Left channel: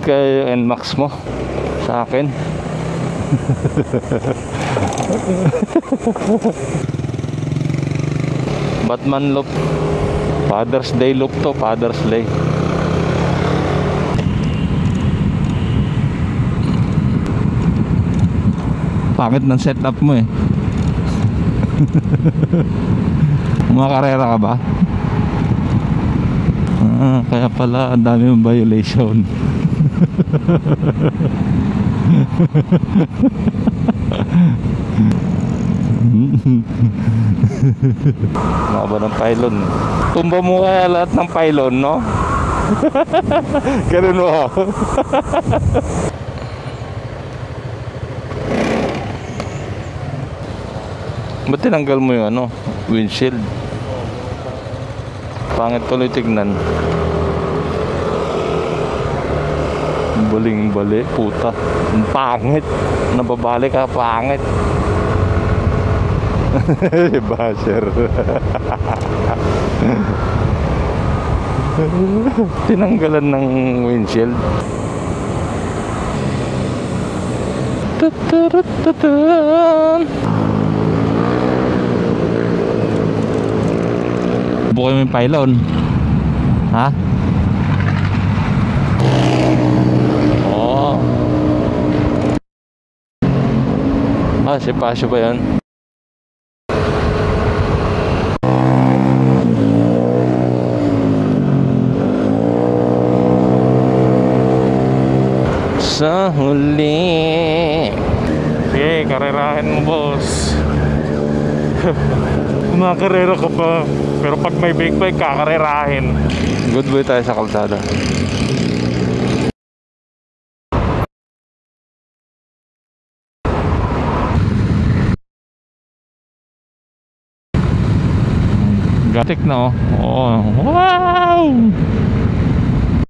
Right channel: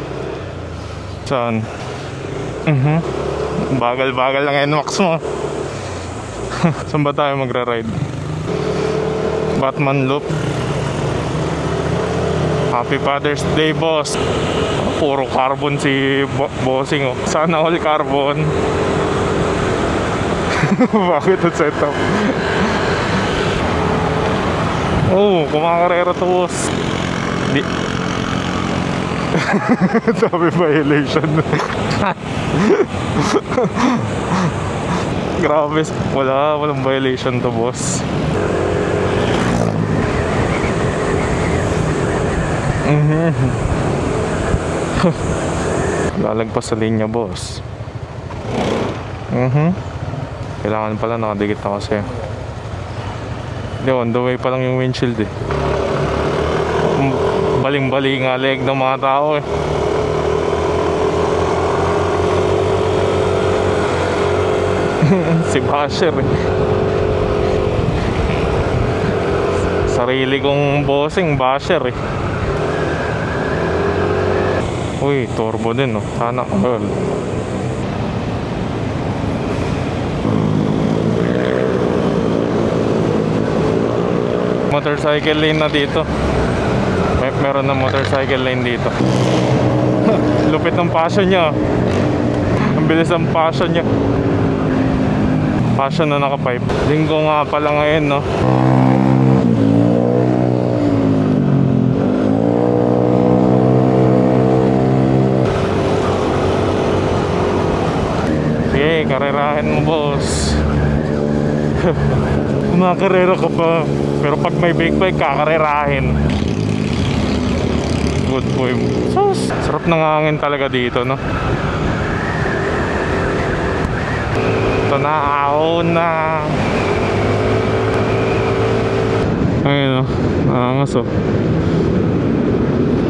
Shoutout kay NMAX mo. Saan? Sa akin. Bagal-bagal ng NMAX mo. Saan ba tayo magra-ride? Batman look. Batman look. Father's Day look to. Father's Day. Happy Father's Day, boss. Puro carbon si bossing. Oh. Sana all carbon. Bakit man setup mo eh? Bakit ang setup? Makakarera ka ba? Oo, kumakarera to, boss. Kaya pala ang daming violation. Sabi violation. Grabe, walang violation to, boss. Walang pylon. Kumbo mo kaya lahat ng pylon, no? Ganun mo ako. Lalagpas sa linya, boss. Kailangan pala nakadikit. Ba't tinanggal mo yung ano? Windshield? Hindi, on the way pa lang yung windshield eh. Pangit ko tignan. Baling-bali nga leeg ng mga tao eh. Baling-bali, puta. Ang pangit. Nababalik ka, pangit. Si Basher eh. Basher. Sarili kong bossing, Basher eh. Tinanggalan ng windshield. Uy, turbo din oh. Sana. Motorcycle lane na dito. Ha? Meron na motorcycle lane dito. Lupit ang passion niya. Ang bilis ang passion niya. Ah, si Pasha ba yan? Passion na naka-pipe. Linggo nga pala ngayon, no? Sa huli. Sige, karerahin mo, boss. Kumakarera ka pa. Pero pag may big bike, kakarerahin. Good boy tayo sa kalsada. Good boy. Sarap ng hangin talaga dito, no? Ito na, ahon na. Gatik na, oh. Ayun, Oo. angas, oh.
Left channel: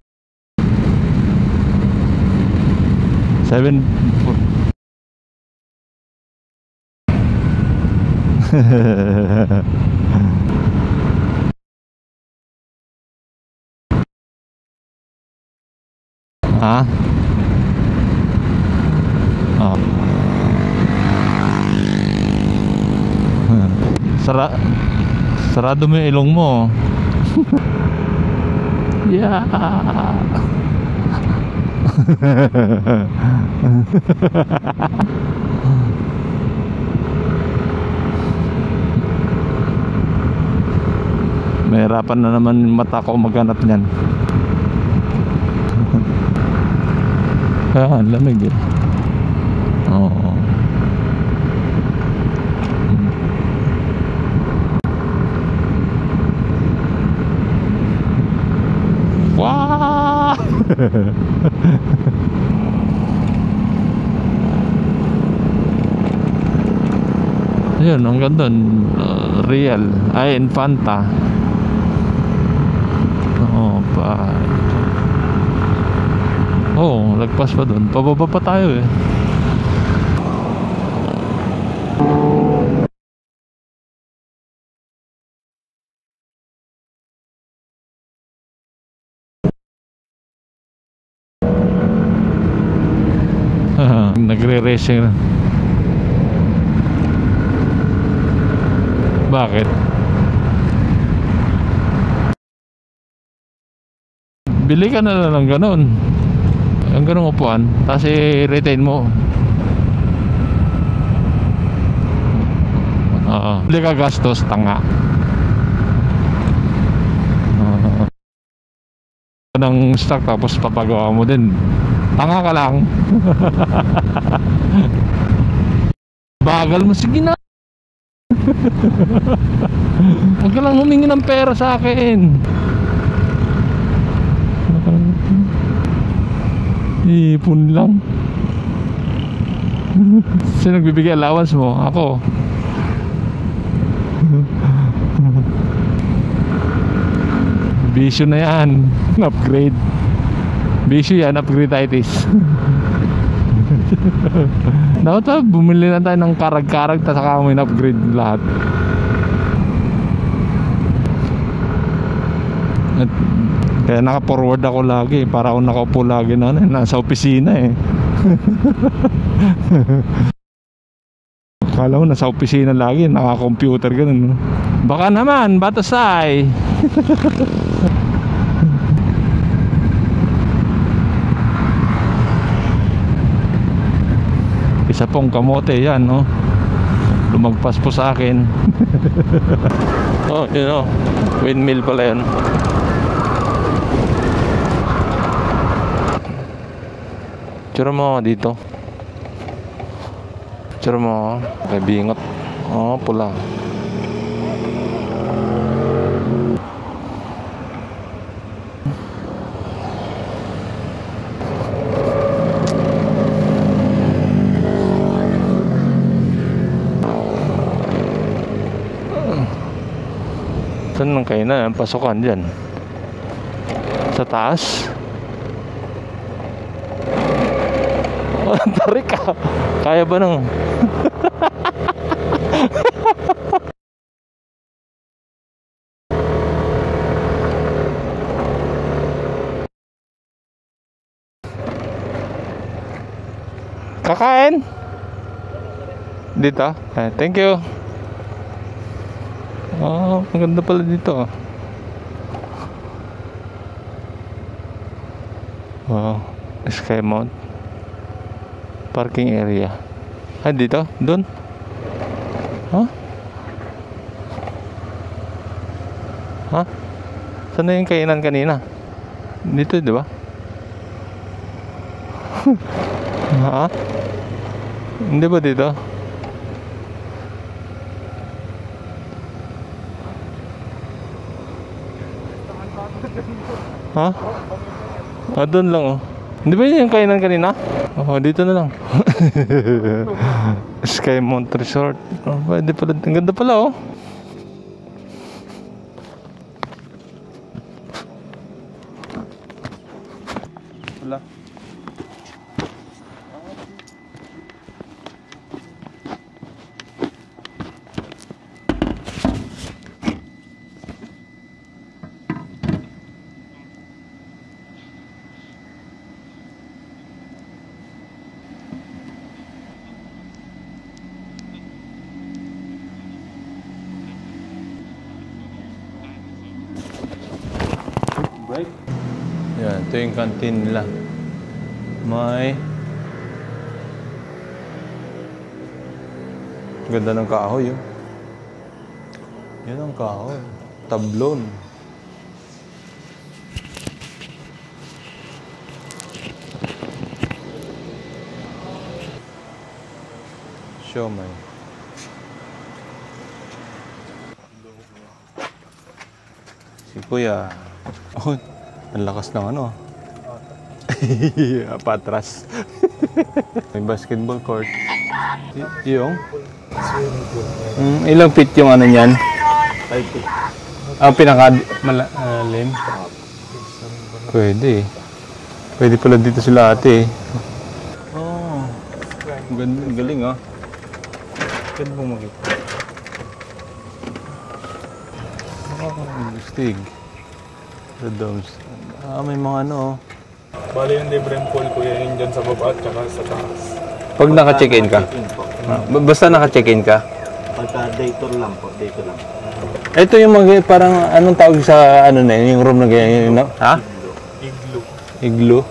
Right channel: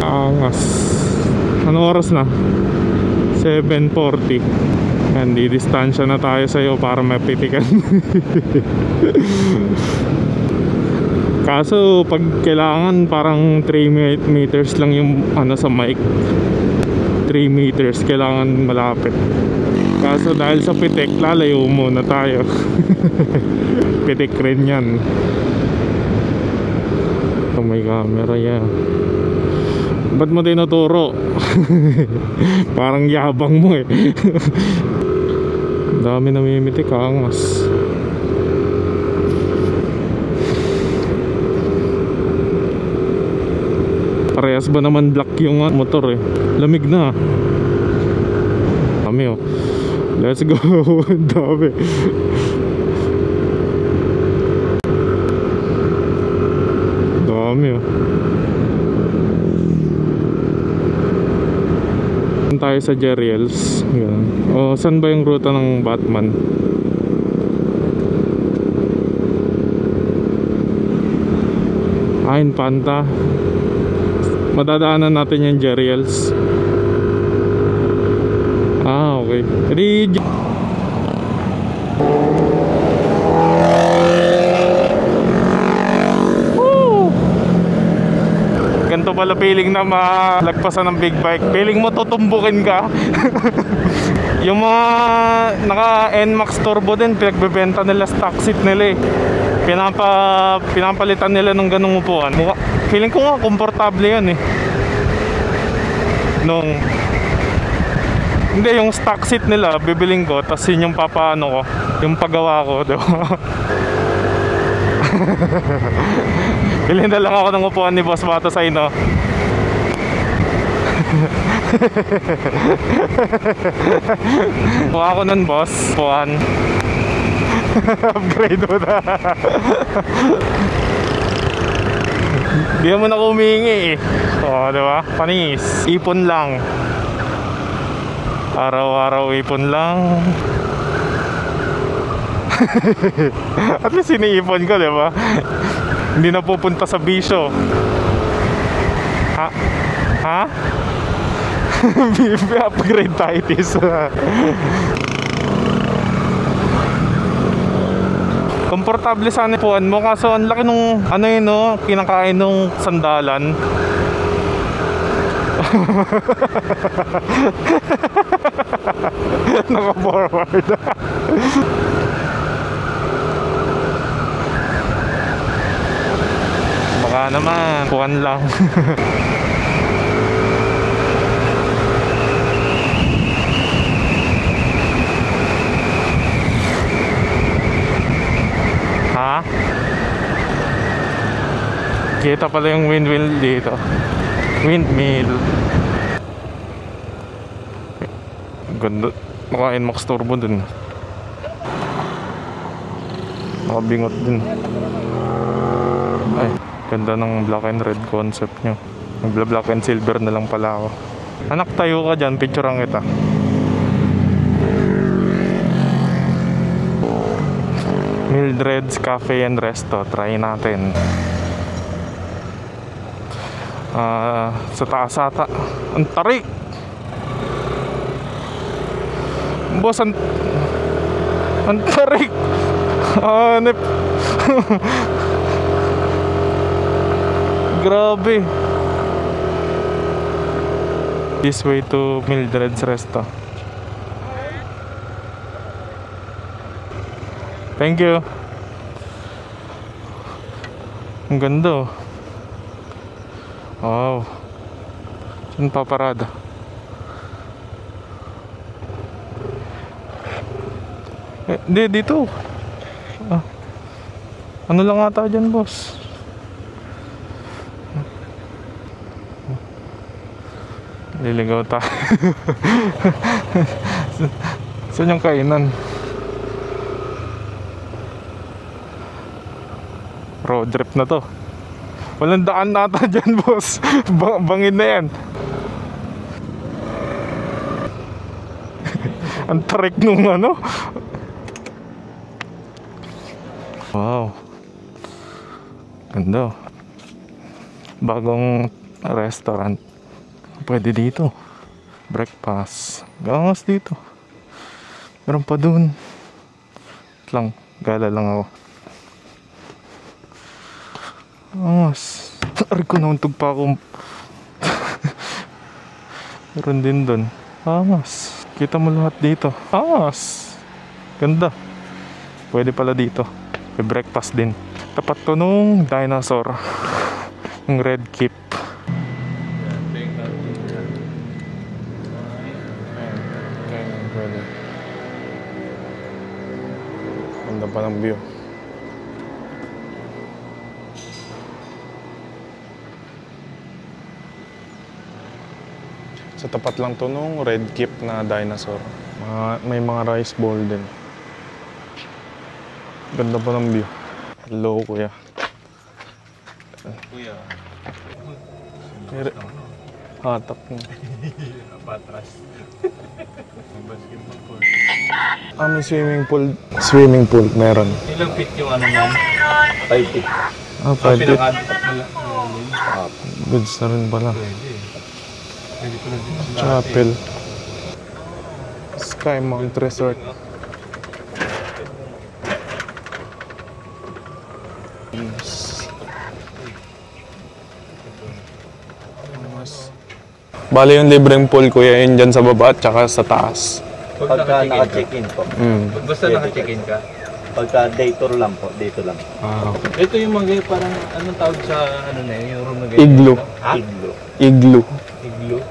Angas. Anong oras na? 7:40. Yan, di distansya na tayo sa'yo para mapitikan. Kaso pag kailangan parang 3 meters lang yung ano sa mic. Ha? 3 meters kailangan malapit. Oh. Kaso dahil sa pitik, lalayo muna tayo. Pitik rin yan. Sarado mo yung ilong mo. Oh my camera yan. Yeah. Ba't mo tinuturo? Parang yabang mo eh. Dami namimitik, angas. Nahirapan na naman yung mata ko maghanap niyan. Parehas ba naman black yung motor eh? Lamig na. Ah, lamig. Kami oh. Oh. Let's go. Ang dami. Dami oh. Wow! Tayo sa Jeriels. Oh, saan ba yung ruta ng Batman? Ayun, ang ganda. Real. Ay, Infanta. Infanta. Oo. Madadaanan natin yung Jeriels. Oo, nagpas pa dun. Pababa pa tayo eh. Ah, okay. Ganito pala feeling na malagpasan ng big bike. Feeling mo tutumbukin ka. Yung naka NMAX turbo din, pinagbebenta nila stock seat nila eh. Bakit? Pinapalitan nila ng ganung upuan. Feeling ko nga komportable yan eh. Bili ka na lang ganun. Ang ganun upuan. Kasi hindi, yung stock seat nila bibiling ko, tapos yun yung papaano ko, yung paggawa ko, di ba? Oo. Hindi ka gastos, tanga. Bilhin na lang ako ng upuan ni Boss Bato sa ino. Ng stock tapos papagawa mo din. Tanga ka lang. Kuha ko nun, boss. Upuan. Bagal mo, sige na. Upgrade mo na. Huwag ka lang humingi ng pera sa akin. Hindi mo na humingi eh. Oo, di ba? Panis. Ipon lang. Ipon lang. Araw-araw ipon lang. Sino nagbibigay allowance mo? Ako. At least iniipon ko, di ba? Hindi na pupunta sa bisyo. Bisyo na yan. Upgrade. Ha? Busy yan, upgrade. Upgrade tayo this. Nakaka, bumili na tayo ng karag-karag at saka may upgrade lahat. Komportable sana puan mo kaso ang laki nung ano yun no, kinakain nung sandalan. Kaya naka-forward ako lagi para ako nakapo lagi na nasa opisina eh. Naka-forward. Kaya ako nasa opisina lagi, naka-computer ganun. Baka naman, batasay. Baka naman, puan lang. Isa pong kamote yan, no? Magpaspo sa akin. Ha? Okay, no? Windmill pala yan. Kita pala yung windmill dito. Windmill. Tsura mo ako dito. Ganda. Maka NMAX turbo dun. Tsura mo ako. Nabingot. Oo, pula. Nakabingot din. Ay, ganda ng black and red concept nyo. Black and silver na lang pala ako. Anak, tayo ka dyan. Picture ang kita. Mildred's Cafe and Resto. Try natin. Saan lang kayo na? Pasukan dyan. Sa taas? Sa taas ata. Ang tarik! Ang tarik ka. Boss, Kaya ba nang? Ang tarik! Hanip! Grabe! This way to Mildred's Resto. Kakain? Dito? Thank you. Thank you. Oh, ang ganda pala dito. Ang ganda. Wow. Saan paparada? Skymount. Parking area. Dito? Doon? Hindi, dito. Huh? Ano lang ata dyan, boss? Ha? Saan na yung kainan kanina? Dito, di ba? Liligaw ta. Ha? Saan yung Hindi ba kainan? dito? Road trip na to. Walang daan nata dyan, boss. Ha? Bangin na yan. Doon lang oh. Hindi ba yun yung kainan kanina? Dito na lang. Ang tarik nung ano. Skymount Resort. Pwede pala. Ang ganda pala oh. Wow. Ganda. Bagong restaurant. Pwede dito. Breakfast. Gangas dito. Meron pa dun. Lang. Gala lang ako. Angas. Tarik ko nauntog pa akong meron din dun. Angas. Kita mo lahat dito. Angas. Ganda. Pwede pala dito. May breakfast din. Tapat to nung dinosaur. Yung red keep. Yan, ito yung canteen nila. May ganda ng kahoy. Ganda pa ng view. Yan ang kahoy. Tablon. Sa tapat lang to nung red keep na dinosaur. May mga rice bowl din. Show man. Ganda pa ng view. Hello, kuya. Kuya. Oh, ang lakas ng ano. Hatak. Patras. May basketball court. May swimming pool. Swimming pool, meron. Ilang feet yung ano niyan? 5 feet. Ang pinaka-malalim? Goods na rin pala. Pwede. Pwede pala dito sila ate. Oh, Skymount Resort. Galing ah. Pwede mo makita. Stig. Redoms. May mga ano. Bale yung libreng pool, kuya, yun dyan sa baba at saka sa taas. Pag naka-check-in ka? Basta naka-check-in ka? Pagka day tour lang po, dito lang. Ito yung mga parang anong tawag sa ano na yun, yung room na ganyan. Igloo. No? Ha? Igloo. Igloo.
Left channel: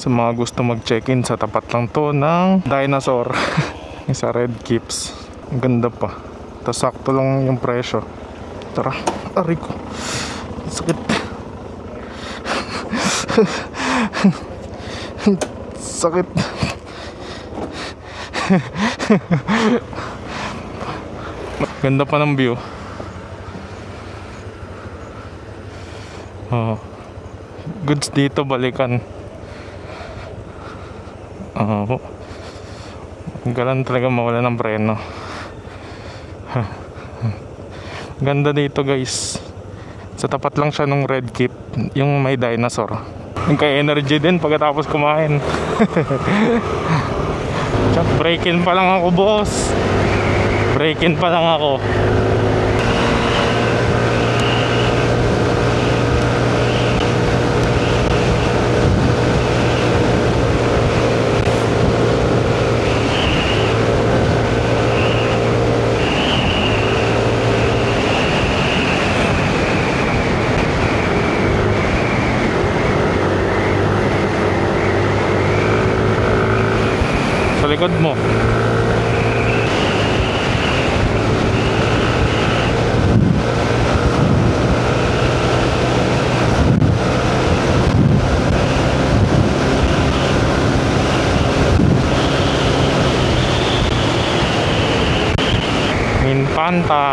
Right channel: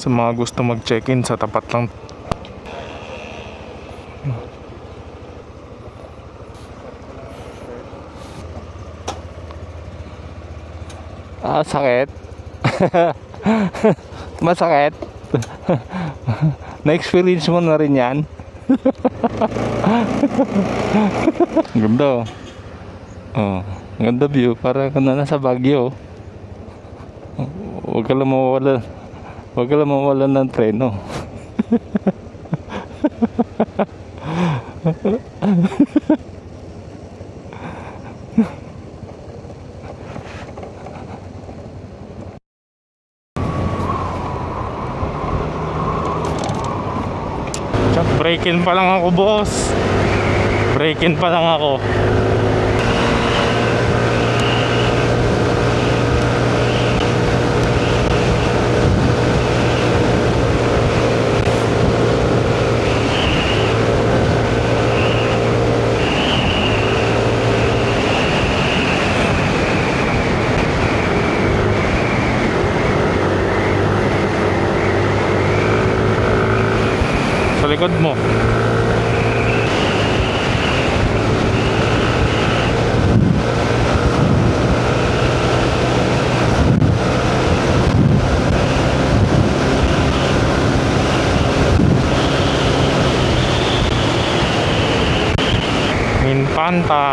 Sa mga gusto mag-check-in, sa tapat lang to ng Dinosaur. Yung sa Red Keeps. Ang ganda pa. Tapos sakto lang yung presyo. Tara, aray ko. Sakit. Ah, sakit. Masakit. Sakit. Na-experience mo na rin yan. Ganda pa ng view. Oh, ganda view. Para ka na nasa Baguio. Oo. Goods Huwag ka lang dito mawala. balikan. Huwag ka lang mawalan ng preno. Oo. Huwag ka lang talaga mawala ng preno. Ganda dito guys. Sa tapat lang siya nung Red Keep, yung may dinosaur. Nagka-energy din pagkatapos kumain. Tsak, break-in pa lang ako boss. Break-in pa lang ako. Sa likod mo. Minpanta.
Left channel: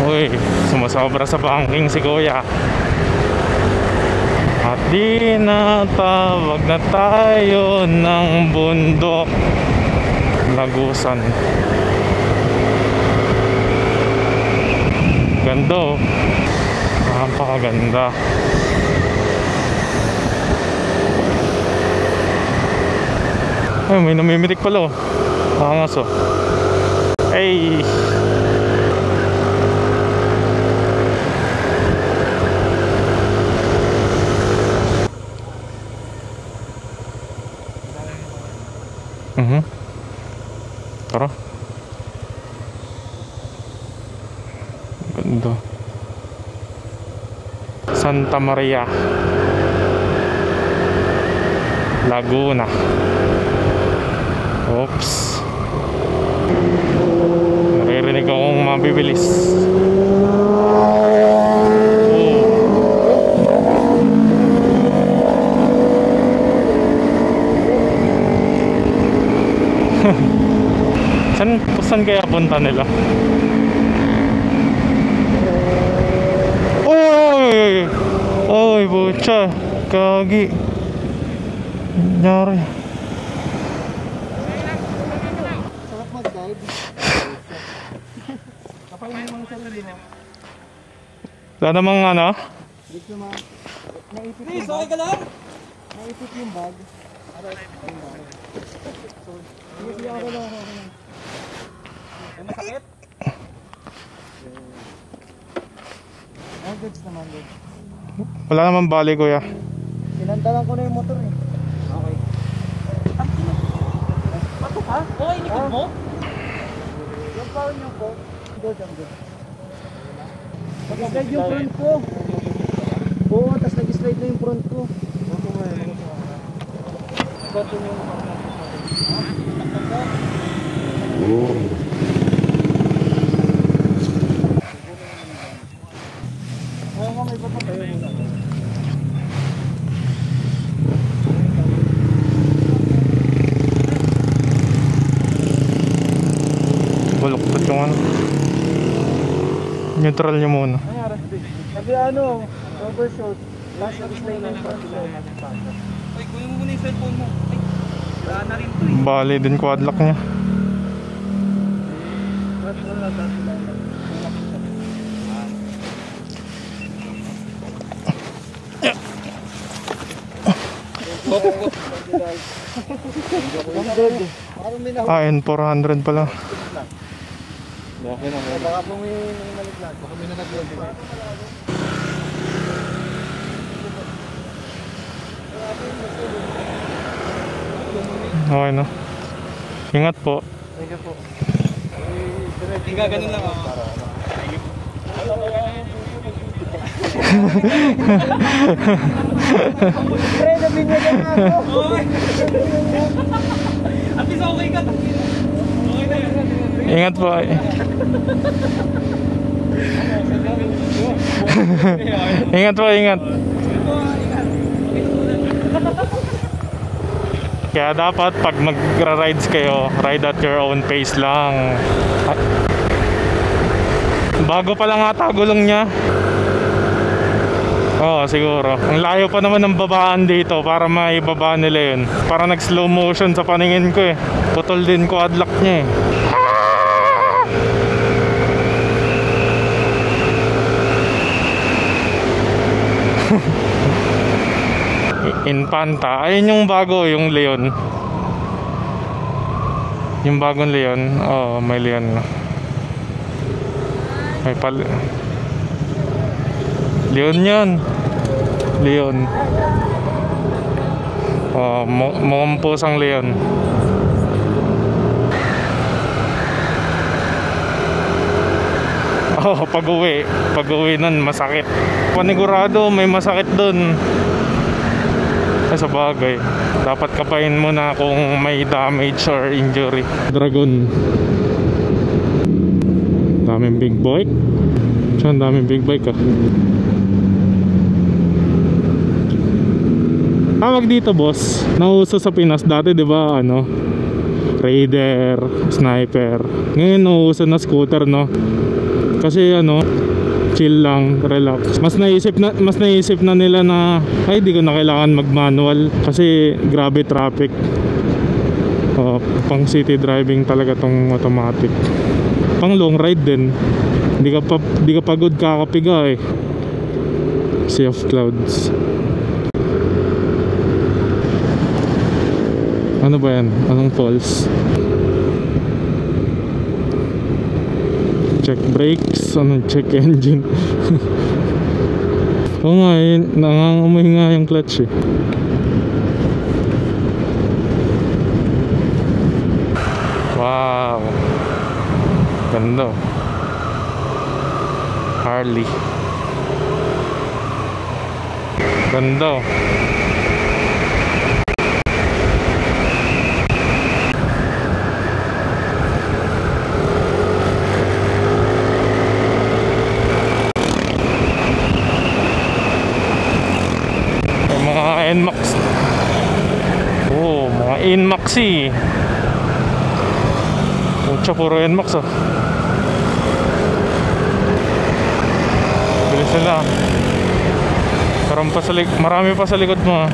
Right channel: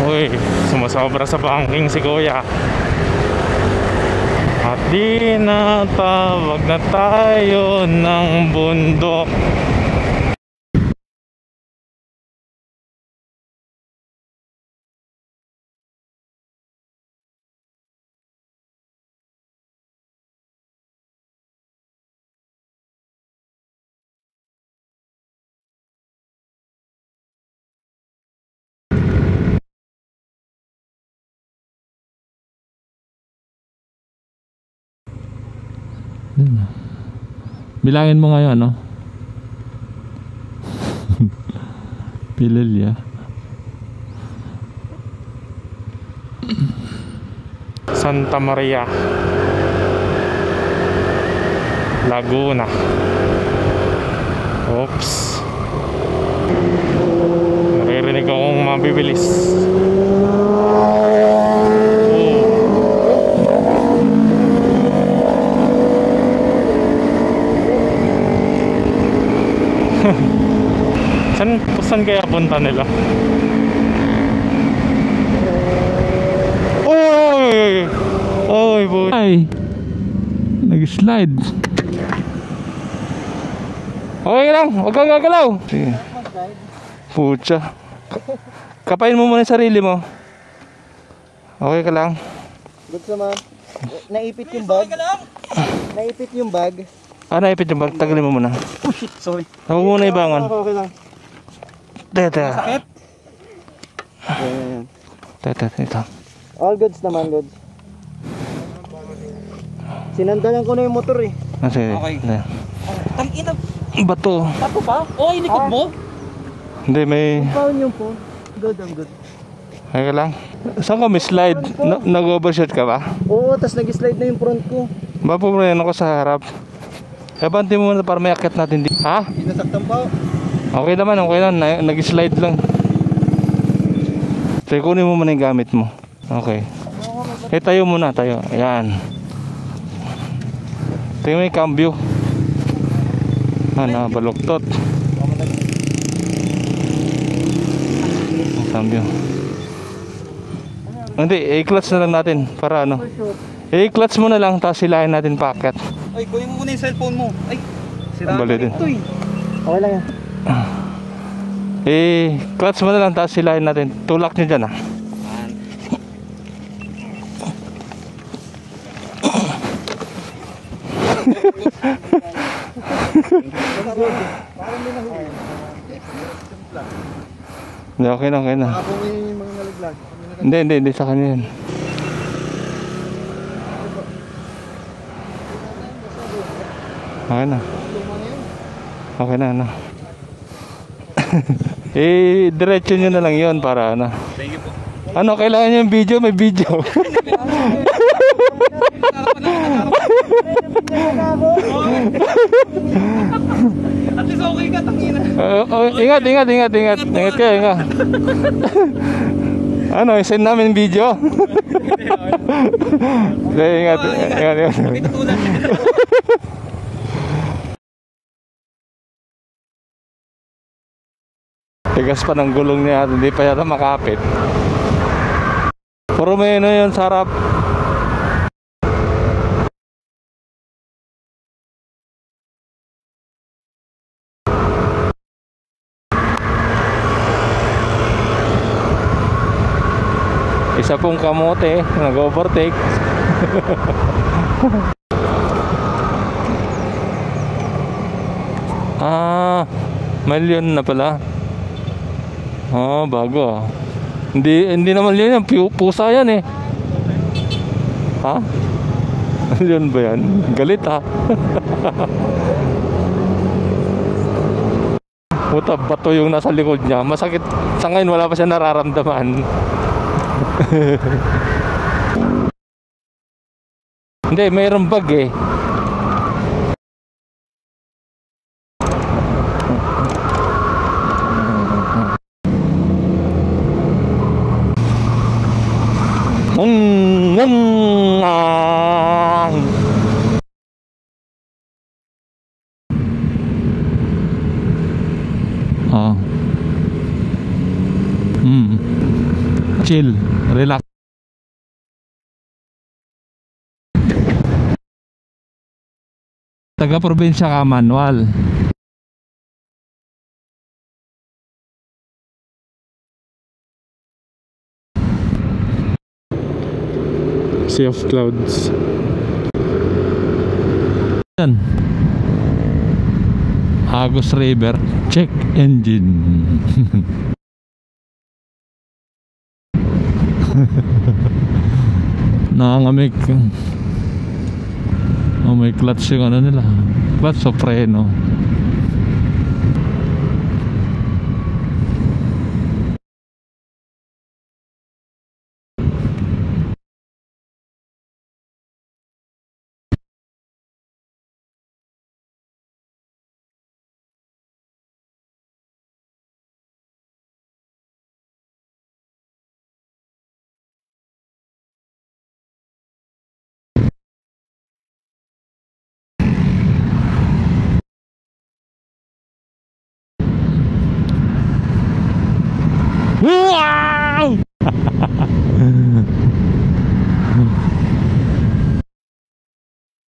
Uy, sumasobra sa banking si Kuya. At di natawag na tayo ng bundok. Lagusan. Ganda oh. Napakaganda. Ay, may namimitik pala oh. Angas oh. Ay. Bilangin mo ngayon, no? Tara. Pilil, Ganda. Santa Maria, Laguna. Oops. Naririnig akong mabibilis. Saan kaya punta nila? Oy! Oy, butya. Kagi. Nag-slide. Nangyari. Okay lang, huwag kang gagalaw. Sige. Pucha. Kapain mo muna yung sarili mo. Wala mo lang. ano? Gusto mo, naipit yung bag. Naipit yung bag. Ah, naipit yung bag. Tagalin mo muna. Sorry. Huwag muna ibangan. Okay lang. Teta. Ayan. Teta, ito. All goods naman, good. Wala naman bali, kuya. Sinandalan ko na yung motor eh. Ah, sige. Okay. Tangina, Bato. pato pa? Oo, inikot mo? Hindi, may... Paano yung phone? Good, I'm good. Kaya lang. Saan ka may slide? Nag-overshot ka ba? Oo, tas nag-slide na yung front ko. Mapumrayan ako sa harap. Kabanti mo muna para may akit natin dito. Ha? Hindi ka saktan pa. Okay naman, okay lang. Nag-slide lang. So, kunin mo muna yung gamit mo. Okay. Tayo muna, tayo. Ayan. Tingnan mo yung cambio. Baluktot. Baluktot yung ano. Cambio. Neutral niyo muna. Hindi, i-clutch na lang natin. Para ano. I-clutch mo na lang, tapos silahin natin packet. Ay, kunin mo muna yung cellphone mo. Ay, Bali din. Bali din ko lock niya. I-clutch mo na lang, tapos silahin natin. Tulak nyo dyan ah. N400 pala. Hindi, okay lang, okay lang. Hindi, sa kanya yan. Okay na. Okay na. Okay na, ano. Ingat po. Eh, diretso nyo na lang yun para ano. Ano, kailangan nyo yung video? May video. At least okay ka, takina. Ingat kayo, ingat. Ano, send namin yung video. Ingat po, ingat. Ingat. Kaya dapat pag magra-rides kayo, ride at your own pace lang. Tigas pa ng gulong niya, hindi pa yata makapit. Bago pa lang ata gulong niya. Puro ba yun na yun, sarap. Oo, siguro. Ang layo pa naman ng babaan dito para maibaba nila yun. Para nag-slow motion sa paningin ko eh. Putol din quad lock niya eh. Isa pong kamote, nag-overtake. Infanta. Ayun yung bago, yung Leon. Ah, Yung may bagong Leon na Leon. pala. Oo, may Leon na. Oo, bago ah. Pag- Hindi naman Leon, pusa yan eh. Leon yan. Ha? Leon. Leon ba yan? Galit ha. Mukhang pusang Leon. Ito yung nasa likod niya. Masakit. Sa ngayon wala pa siya nararamdaman. Oo, pag-uwi nun masakit. Panigurado, may masakit dun. Hindi, mayroong bag eh. Sa bagay, dapat kapain mo na kung may damage or injury. Dragon. Daming big boy. Ang daming big bike ah. Tawag dito boss, nauso sa Pinas dati, di ba, ano, Raider, Sniper. Ngayon nauso na scooter, no? Kasi ano, chill lang, relax. Mas naisip na nila na ay di ko na kailangan mag-manual kasi grabe traffic. Ka manual. Pang city driving talaga tong automatic. Pang long ride din. Di ka pagod kakapiga eh. Sea of Clouds. Yan. Ano ba yan? Anong Agus falls? River. Check engine. Check brakes. Anong check engine? Nangangamig ka. Nangangamoy nga yung clutch eh. Oh, may clutch yung ano nila. Clutch o preno. Wow. Ganda. Harley. Ganda. Yung mga NMAX. Oh, mga NMAX eh. Pucha, puro NMAX oh. Bilis sila. Marami pa sa likod mo ah.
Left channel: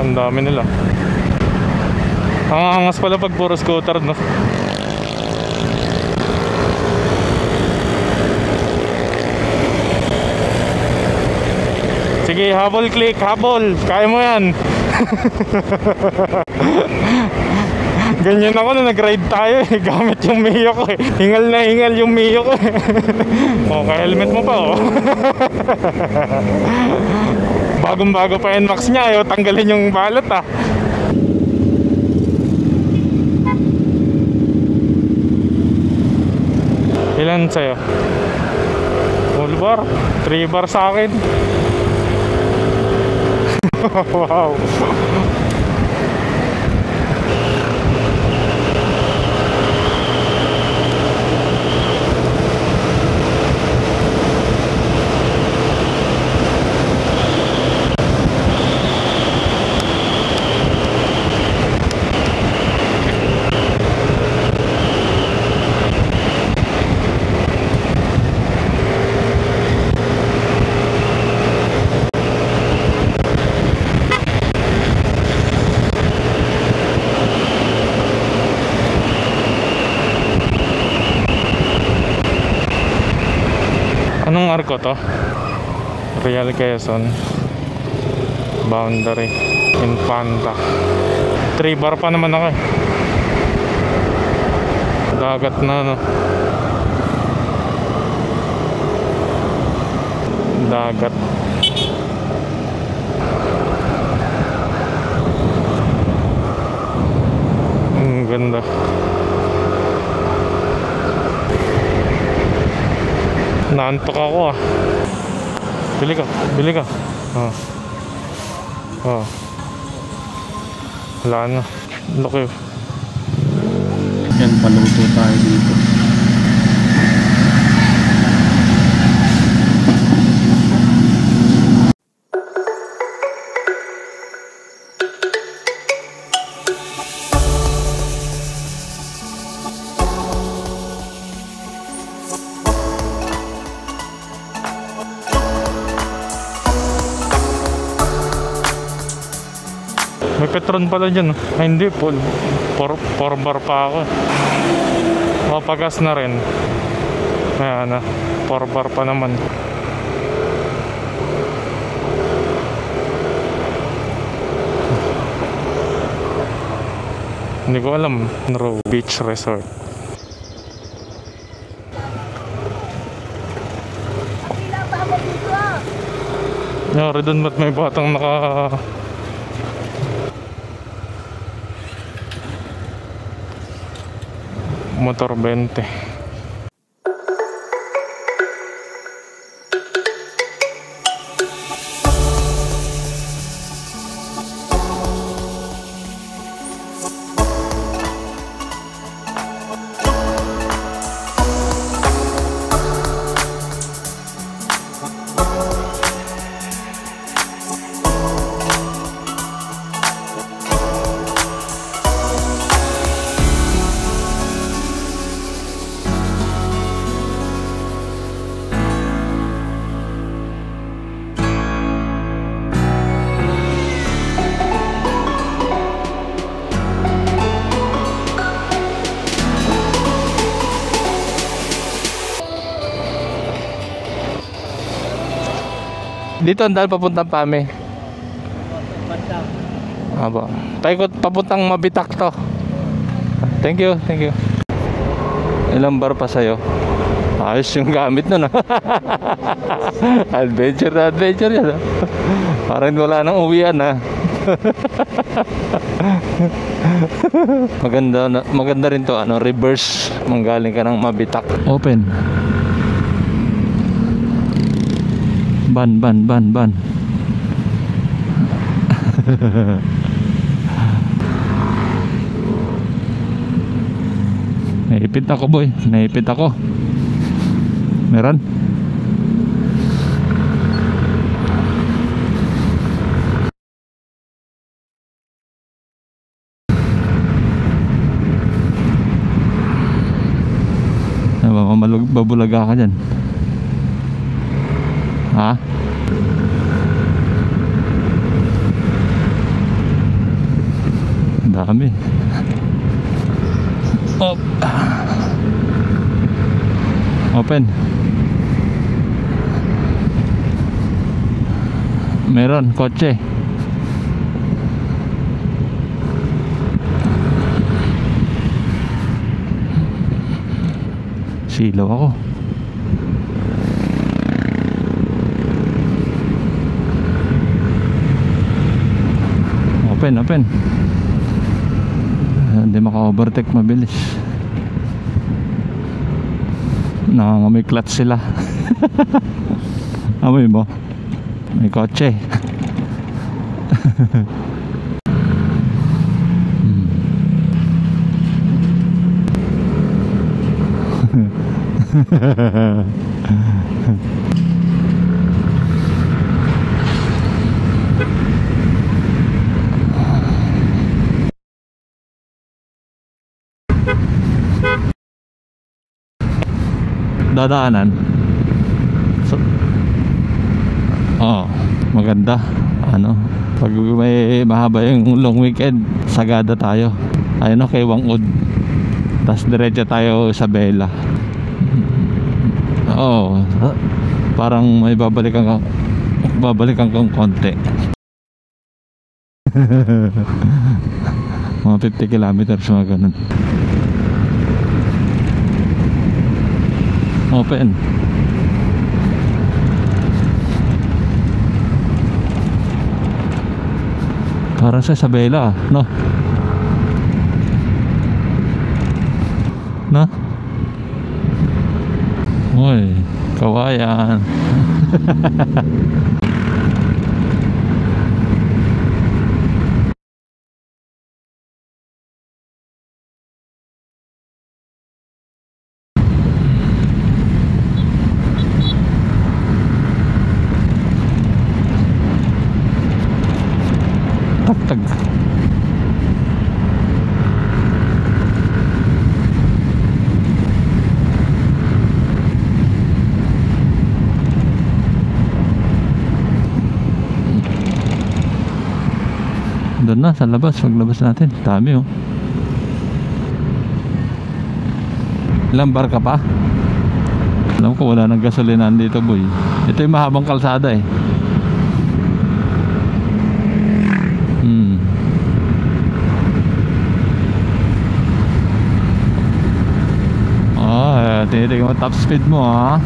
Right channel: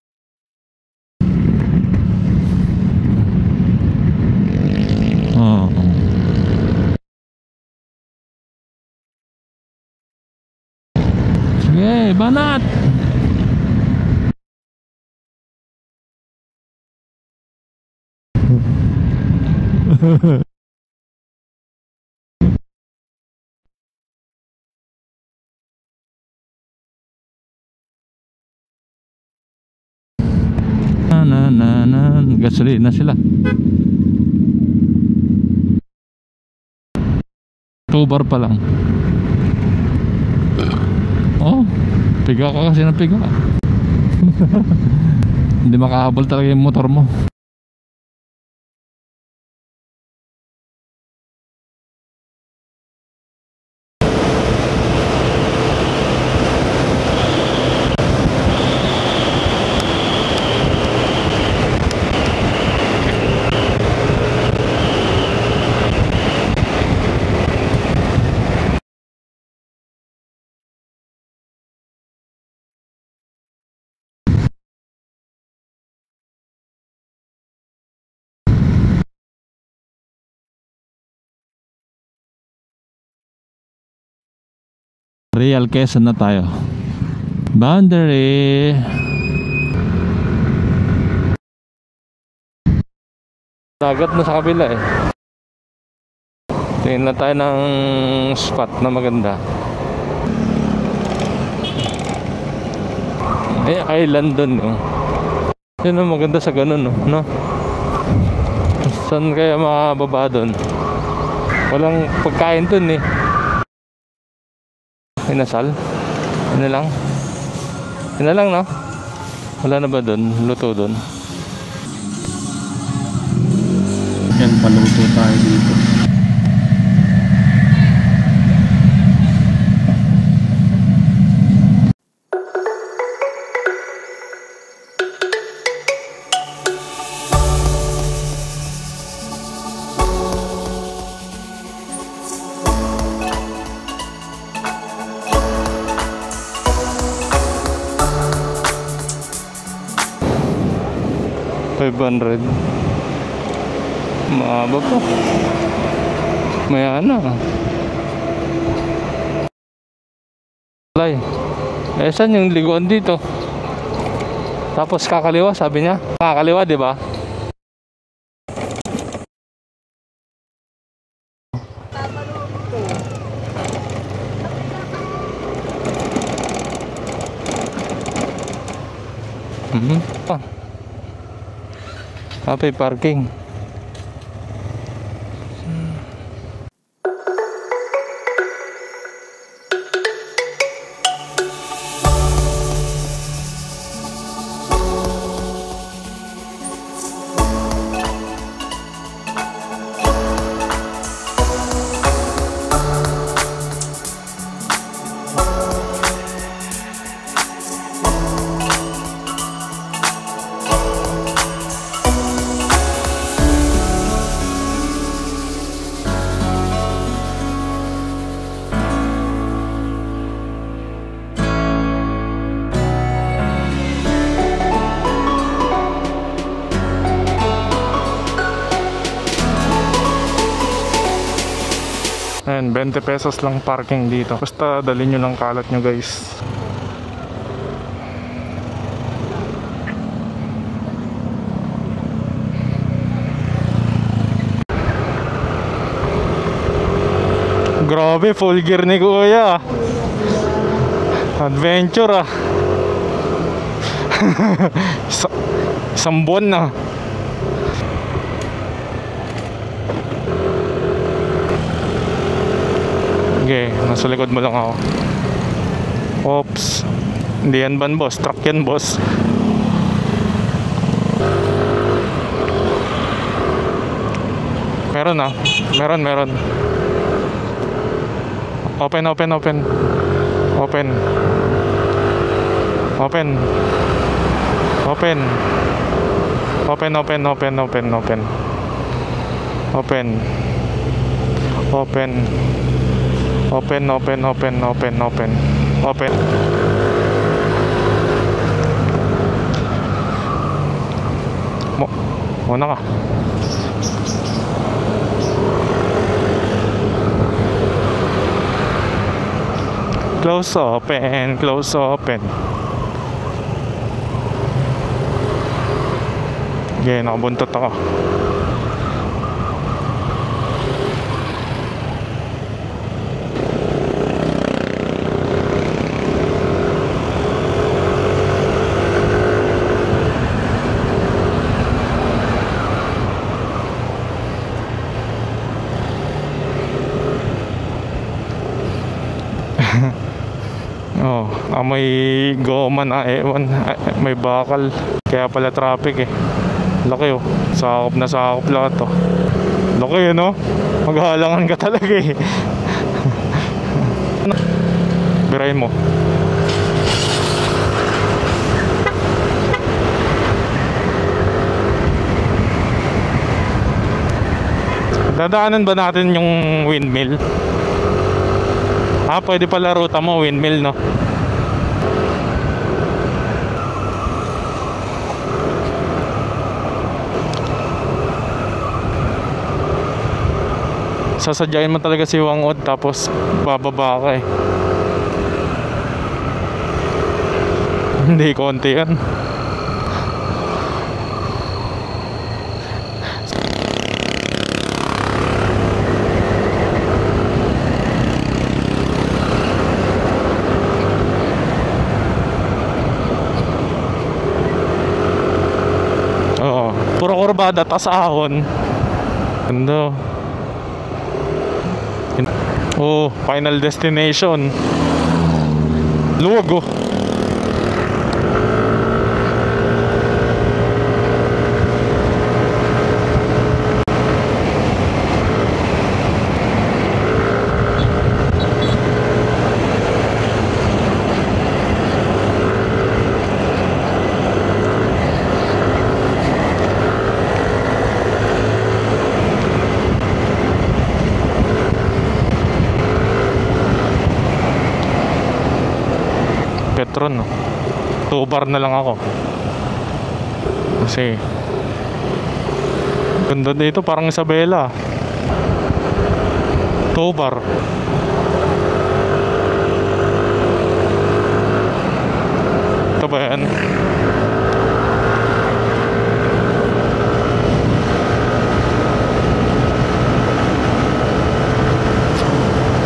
Ang dami nila. Ang angas pala pag puro scooter, no? Sige, habol, click, habol. Kaya mo yan. Ganyan ako na nag-ride tayo eh. Gamit yung Mio ko eh. Hingal na hingal yung Mio ko eh. Okay, helmet mo pa oh. Bagong-bago pa NMAX niya, ayaw tanggalin yung balot ah. Gasolina sila. Ilan sa'yo? 2 bar pa lang. Full bar? 3 bar sa akin. Oh, sigaw ko ang sinapig. Wow. Hindi makahabol talaga yung motor mo. Anong arko to? Real Quezon na tayo. Real Quezon. Boundary. Infanta. 3 bar pa naman ako eh. Dagat mo sa kabila eh. Dagat na no. Tingnan na tayo ng spot na maganda. Dagat. island dun, no? Yan ang maganda sa ganun, no? Ang ganda. Saan kaya makakababa dun? Walang pagkain dun, eh. Naantok ako ah. Inasal? Bili ka. Bili ka. lang. Oh. Yun na lang, no? Oh. Wala na ba dun? Luto dun? Wala na. Laki. Yan, paluto tayo dito. May Petron pala dyan. Ay, hindi po. 4 pa ako. Mapagas na rin. May ano? Kaya na. 4 pa naman. Lay. Eh, saan yung liguan dito? Tapos kakaliwa, sabi niya. Kakaliwa, di ba? Hindi ko alam. Beach Resort. Yari doon ba't may batang naka... Oh. Happy parking. Motor 20. Ayan, 20 pesos lang parking dito. Basta dalhin nyo lang kalat nyo guys. Dito ang dahil papuntang Pame. Aba. Paikot papuntang Mabitak to. Thank you, thank you. Ilang bar pa sa'yo? Ayos yung gamit Grabe, na, no? full gear ni Kuya. Adventure na adventure. Adventure ah. Parang wala nang uwian, ha? Isang buwan na. Maganda rin to, ano, reverse. Manggaling ka ng Mabitak. Open. Okay, nasa likod mo lang ako. Ban. Oops. Hindi yan ban boss, truck yan boss. Meron na. Ako, boy. Meron. Naipit ako. Meron? Open. Ay, Open. babulaga ka dyan. Open. Ha? Open. Marami. Muna ka. Open. Close open. Meron, kotse. Okay, nakabuntot ako. Sigaw ako. Open. Naka-overtake na din. May clutch sila. Amoy mo? Oo, amoy kotse. goma na ewan. May bakal. Kaya pala traffic eh. Laki oh. Sakop na sakop lahat oh. Laki no? Maghahalangan ka talaga eh. Biray mo. Dadaanan ba natin yung windmill? Dadaanan. Pwede pala ruta mo, windmill no? Oo, maganda. Pag may mahaba yung long weekend, sagada tayo. Tayo na kay Wangud. Tapos diretso tayo sa Bella. Sasadyain mo talaga si Wangot tapos bababa ka eh. Parang may babalikan kang konti. Hindi, konti yan. Mga 50 kilometers mga ganun. Open. Kasi sa Bella, no? Oo. Puro kurbada, tas ahon. Ganda. Na? Yun. Oh, final Kawayan. destination. Luwag oh. Petron no. 2 bar na lang ako. Doon na, sa labas. Kasi- Dami, oh. Ganda dito, parang Isabela. Ilang bar ka pa? 2 bar. Ano ko, wala nang gasolinan dito, boy. Ito yung mahabang kalsada, eh. Ito ba yan? Hmm. Tinig mo top speed mo, ha?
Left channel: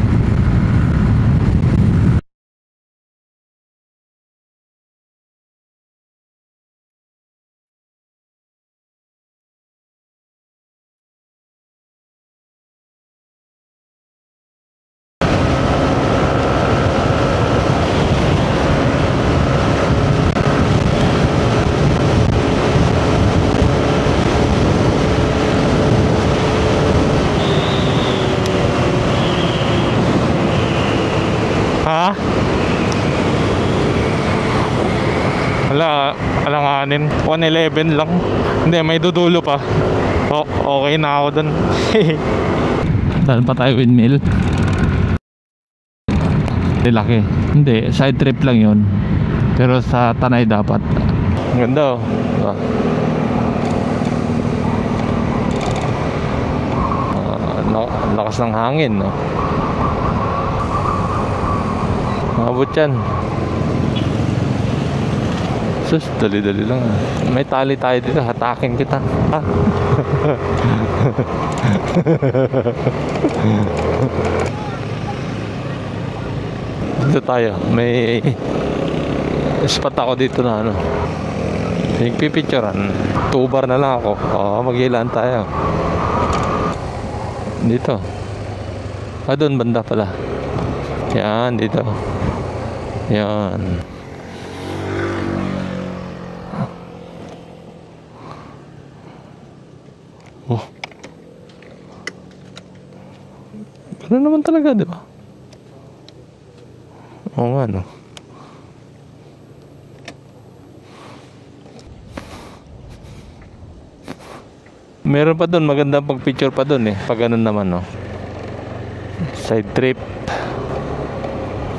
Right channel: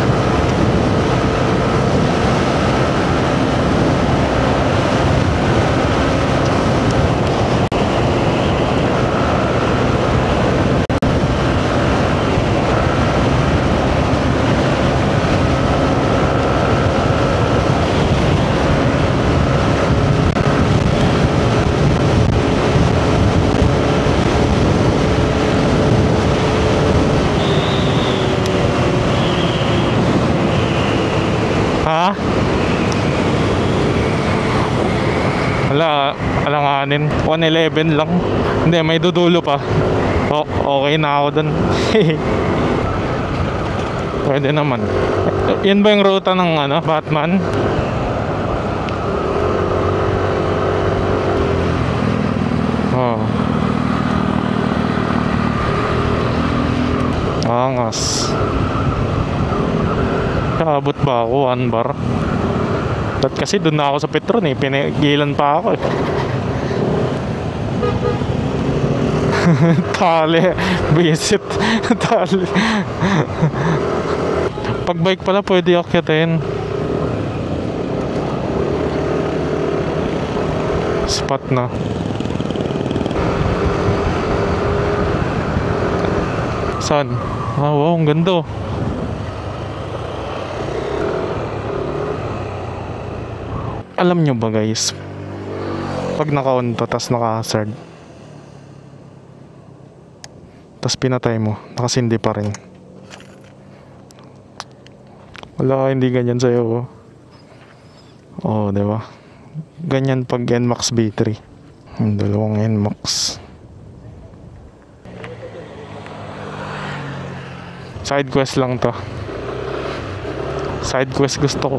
Ha? Wala, alanganin. 111 lang. Hindi, may dudulo pa. Oh, okay na ako dun. Saan pa tayo windmill? Pwede naman. Yan ba yung ruta ng ano, Tinaki. Batman? Hindi, side trip lang yun. Pero sa Tanay dapat. Ganda oh. Oh. Angas. Lakas ng hangin, no? Nakabot ba ako? 1 bar? Maabot yan. Ba't kasi doon na ako sa Petron eh. Pinigilan pa ako eh. Sus, dali-dali lang. May tali tayo dito, hatakin kita. Tali. Visit. Tali. Pag bike pala pwede akyatin. Dito tayo. May spot ako dito na ano. Spot na. Nagpipicturean. 2 bar na lang ako. Mag-ilan tayo. Saan? Dito. Oo, ang ganda. Doon banda pala. Yan, dito. Yan. Alam nyo ba guys, pag naka-on to, tas naka-hazard, oh, tas pinatay mo, nakasindi pa rin. Ano naman talaga, di ba? Wala, hindi ganyan sa'yo. Oo nga, no? Oo, di ba? Ganyan pag NMAX B3. Ang dalawang NMAX. Meron pa doon, maganda pag picture pa doon eh. Pag ganun naman, no? Side quest lang to. Side trip. Side quest gusto ko.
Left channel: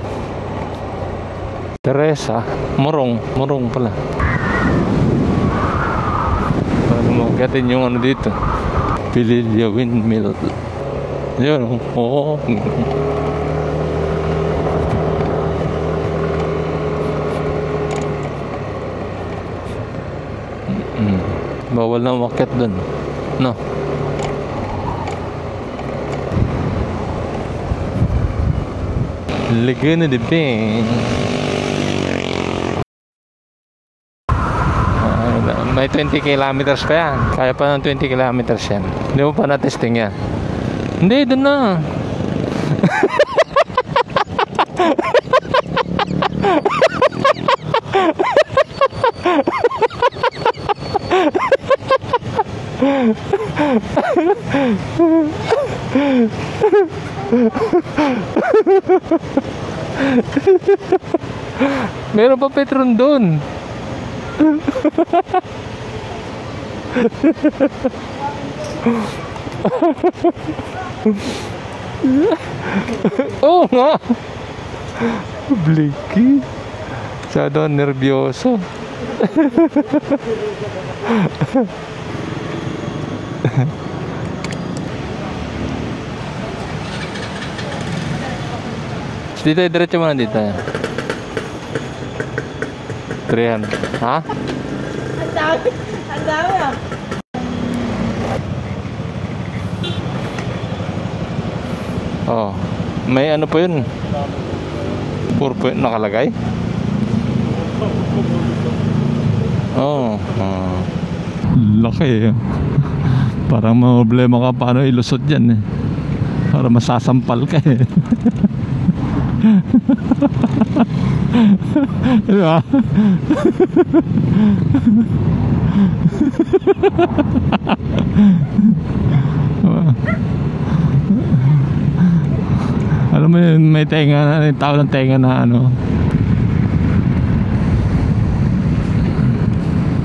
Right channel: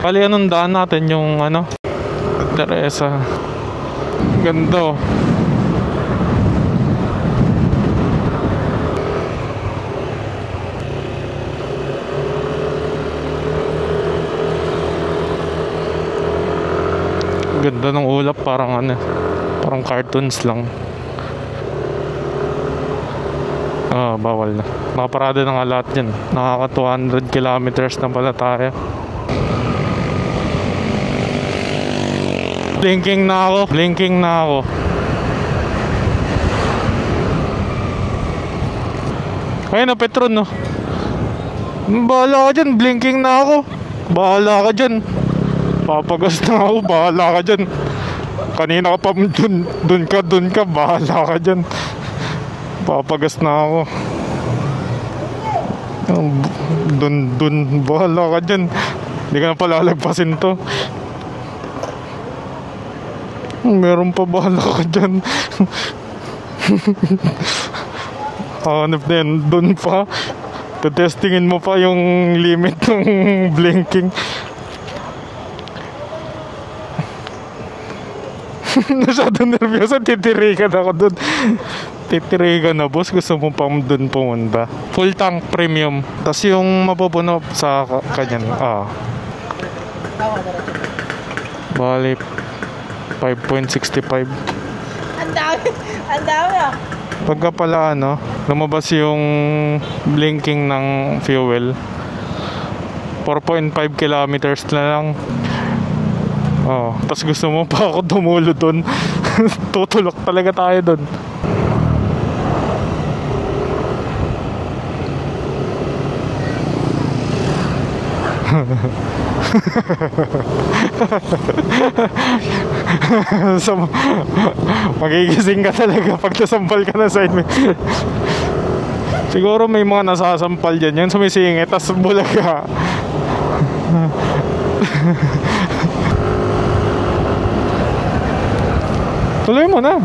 Kali anong daan natin yung ano? Teresa. Teresa. Morong pala. Ganda. Ano, gatin yung andito. Pililya windmill. Yun. Oo. Ganda ng ulap, parang ano, parang cartoons lang. Bawal na umakyat doon. No? Bawal na. Nakaparada na nga lahat yan. Nakaka 200 kilometers na pala tayo. Ligyan na diping. Blinking na ako. Blinking na ako. May 20 kilometers pa yan. Kaya pa ng 20 kilometers yan. Hindi mo pa natesting Ayun na yan. Petron no. Hindi, doon na. Bahala ka dyan. Blinking na ako. Bahala ka dyan. Papagas na ako. Bahala ka dyan. Kanina ka pa dun ka. Bahala ka dyan. Papagas na ako. Dun. Bahala ka dyan. Hindi ka na palalagpasin to. Meron pa Petron doon. Meron pa, bahala ka dyan. Hanap din, dun pa. Tutestingin mo pa yung limit ng blinking. Blinking? Masyado nervyoso. Masyado nervyoso, titirigan ako dun. Titirigan na, boss. Gusto mo pang dun pumunta. Full tank premium. Tapos yung mapupuno sa kanya. Dito, diretso mo na dito. Bali, 5.65. Ang dami ah. Pagka pala lumabas yung blinking ng fuel. Oo. May ano pa yun? 4.5 kilometers na lang. 4 nakalagay? Oo. Tapos gusto mo pa ako tumulo dun. Tutulok Oo. talaga tayo dun. Laki eh. Parang mga problema ka paano ilusot yan eh. Para masasampal ka eh. So, magigising ka talaga pag nasambal ka na sa inyo. Siguro may mga nasasampal dyan. Yan sumisingit, tapos bulag ka. Alam mo yun, may tenga, tawag ng tenga na ano. Tuloy mo na.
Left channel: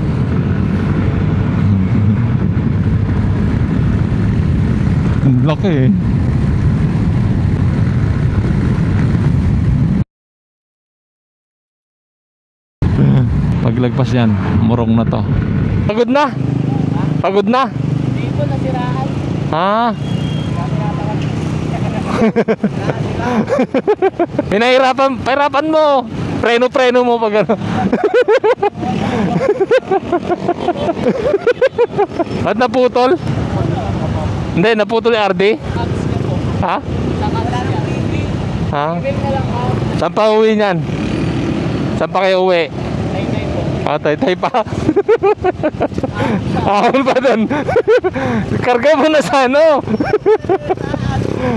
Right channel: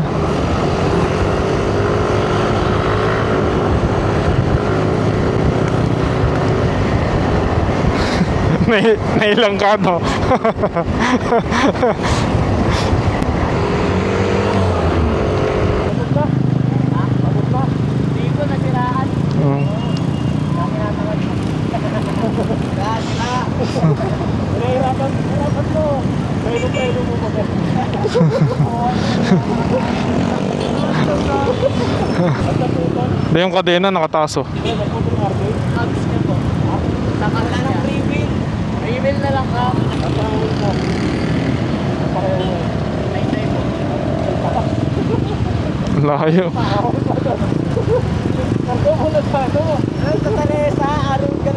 Laki eh. Nailang ka to. Paglagpas yan, murong na to. Pagod na? Pagod na? Hindi ko nasiraan. Ah. Pinahirapan mo. Preno mo pag ano. Ba't naputol? Hindi, yung kadena nakataso. Hindi, naputol yung RD. Ha? Wala nang pre-bill. Ha? Pre-bill na lang ka. Saan pa uwi niyan? Saan pa kayo uwi? Tay-tay mo. Ah, tay pa. Layo. Ahol ba doon? Karga mo na sa ano? Sa ari mo.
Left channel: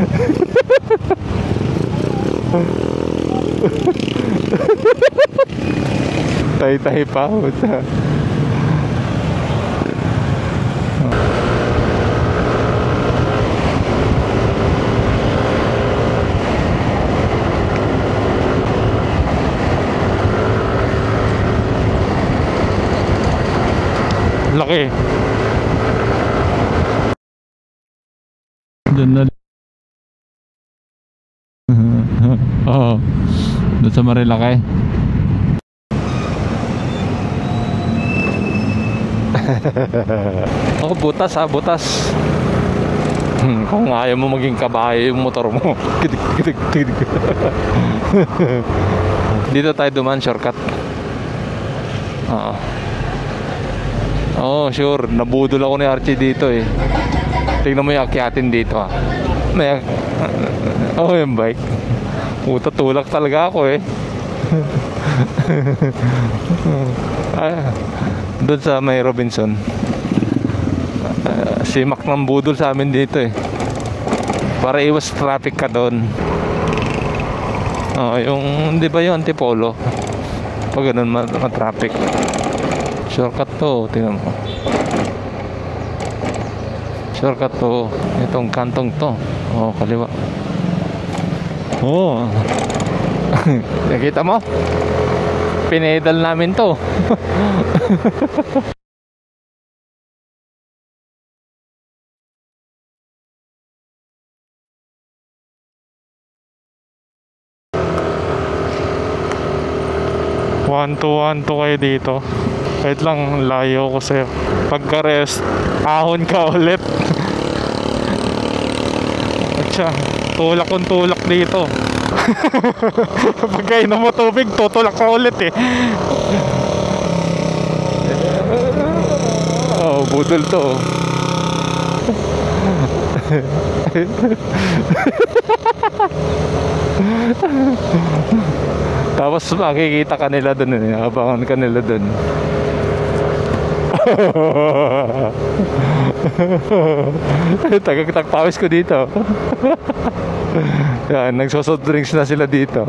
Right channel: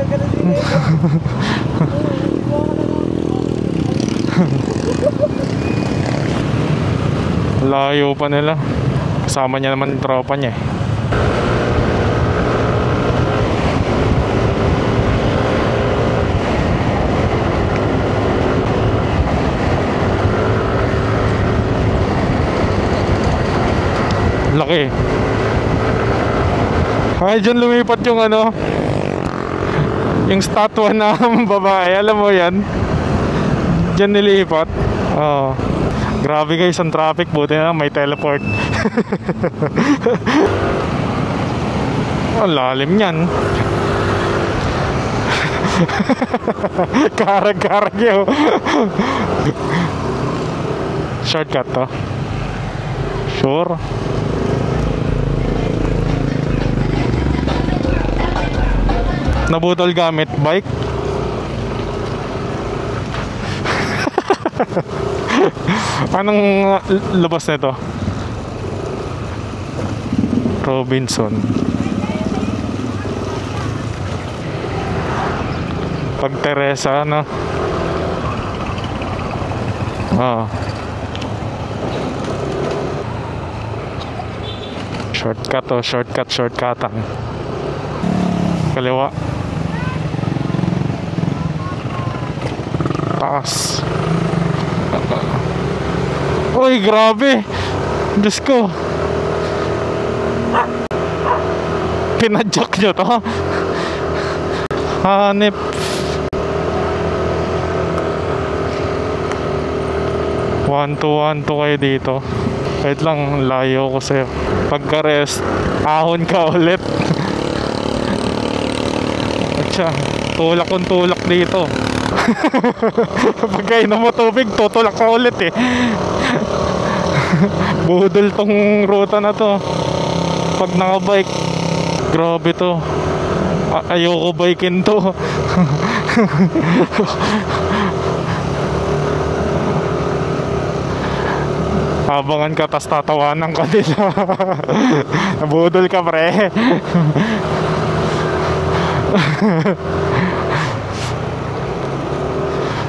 Tay pa. Layo pa nila. Kasama niya naman yung tropa niya. Laki. Ay, dyan lumipat yung ano, Doon. yung statwa na babae. Alam mo yan? Oo. Doon sa Dyan Marilaki. nilipat. Oo. Grabe guys, ang traffic. Buti na may teleport. Ako, butas ha, butas. Ang lalim yan. Kung ayaw mo maging kabayo yung motor mo. Karag-karag yun. Dito tayo dumaan, shortcut. Shortcut to. Oo. Sure. Oo, sure. Nabudol ako ni Archie dito eh. Tingnan mo yung akiatin dito ah. Nabutol gamit bike. Oo, yung bike. Puta, tulak talaga ako eh. Paano labas na ito? Doon sa may Robinson. Robinson. Si Mac mambudol sa amin dito eh. Para iwas traffic ka doon. Pag Teresa, no? Oo, yung, hindi ba yung Antipolo? Oo. Pag ganun, traffic. Shortcut to, tingnan mo. Shortcut to, shortcut. Shortcut to. Itong kanto Kaliwa. to. Oo, kaliwa. Oo. Taas. Nakita mo? Pinedal namin to. Uy, grabe. Diyos ko. Pinadjak nyo to. Hanip. One to kayo dito. Wait lang, layo ko sa'yo. Pagka-rest, ahon ka ulit. At siya, tulak kong tulak dito. Pagka inom mo tubig, tutulak ka ulit eh. Budol tong ruta na to. Oo, budol to. Pag naka-bike, grabe to. Ayoko bikin to. Tapos makikita ka nila dun eh. Abangan ka nila dun. Habangan ka, tas tatawanan ka nila. Budol ka, pre. Tagagtagpawis ko dito. Yan, nagsosoft drinks na sila dito.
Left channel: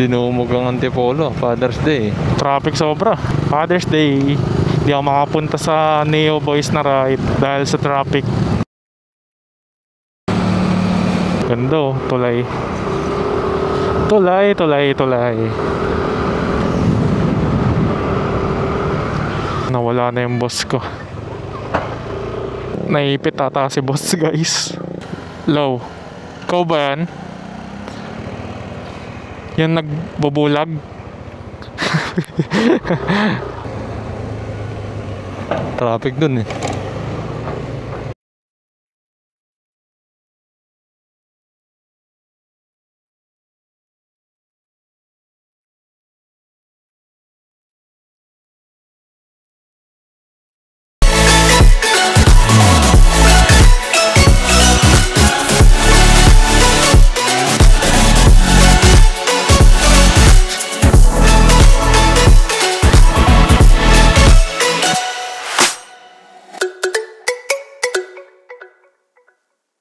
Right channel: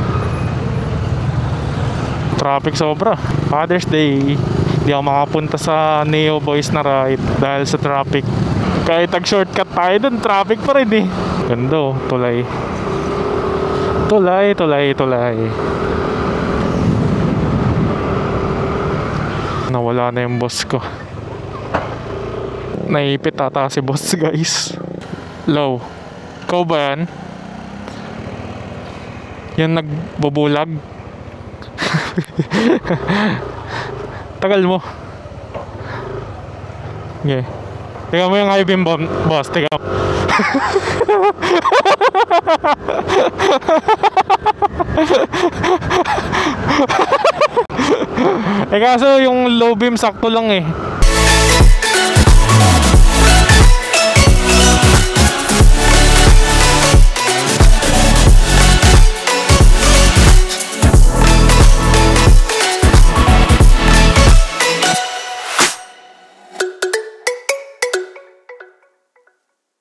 Dinumog ang Antipolo, Father's Day. Traffic sobra. Father's Day. Hindi ako makapunta sa Neo Boys na ride dahil sa traffic. Kahit nag-shortcut tayo dun, traffic pa rin eh. Ganda oh, tulay. Tulay. Nawala na yung boss ko. Naipit ata si boss, guys. Low. Ikaw ba yan? Yan nagbubulag? Tagal mo. Traffic dun eh. Okay. Tingnan mo yung high beam boss. Tingnan mo. Kaso yung low beam sakto lang eh.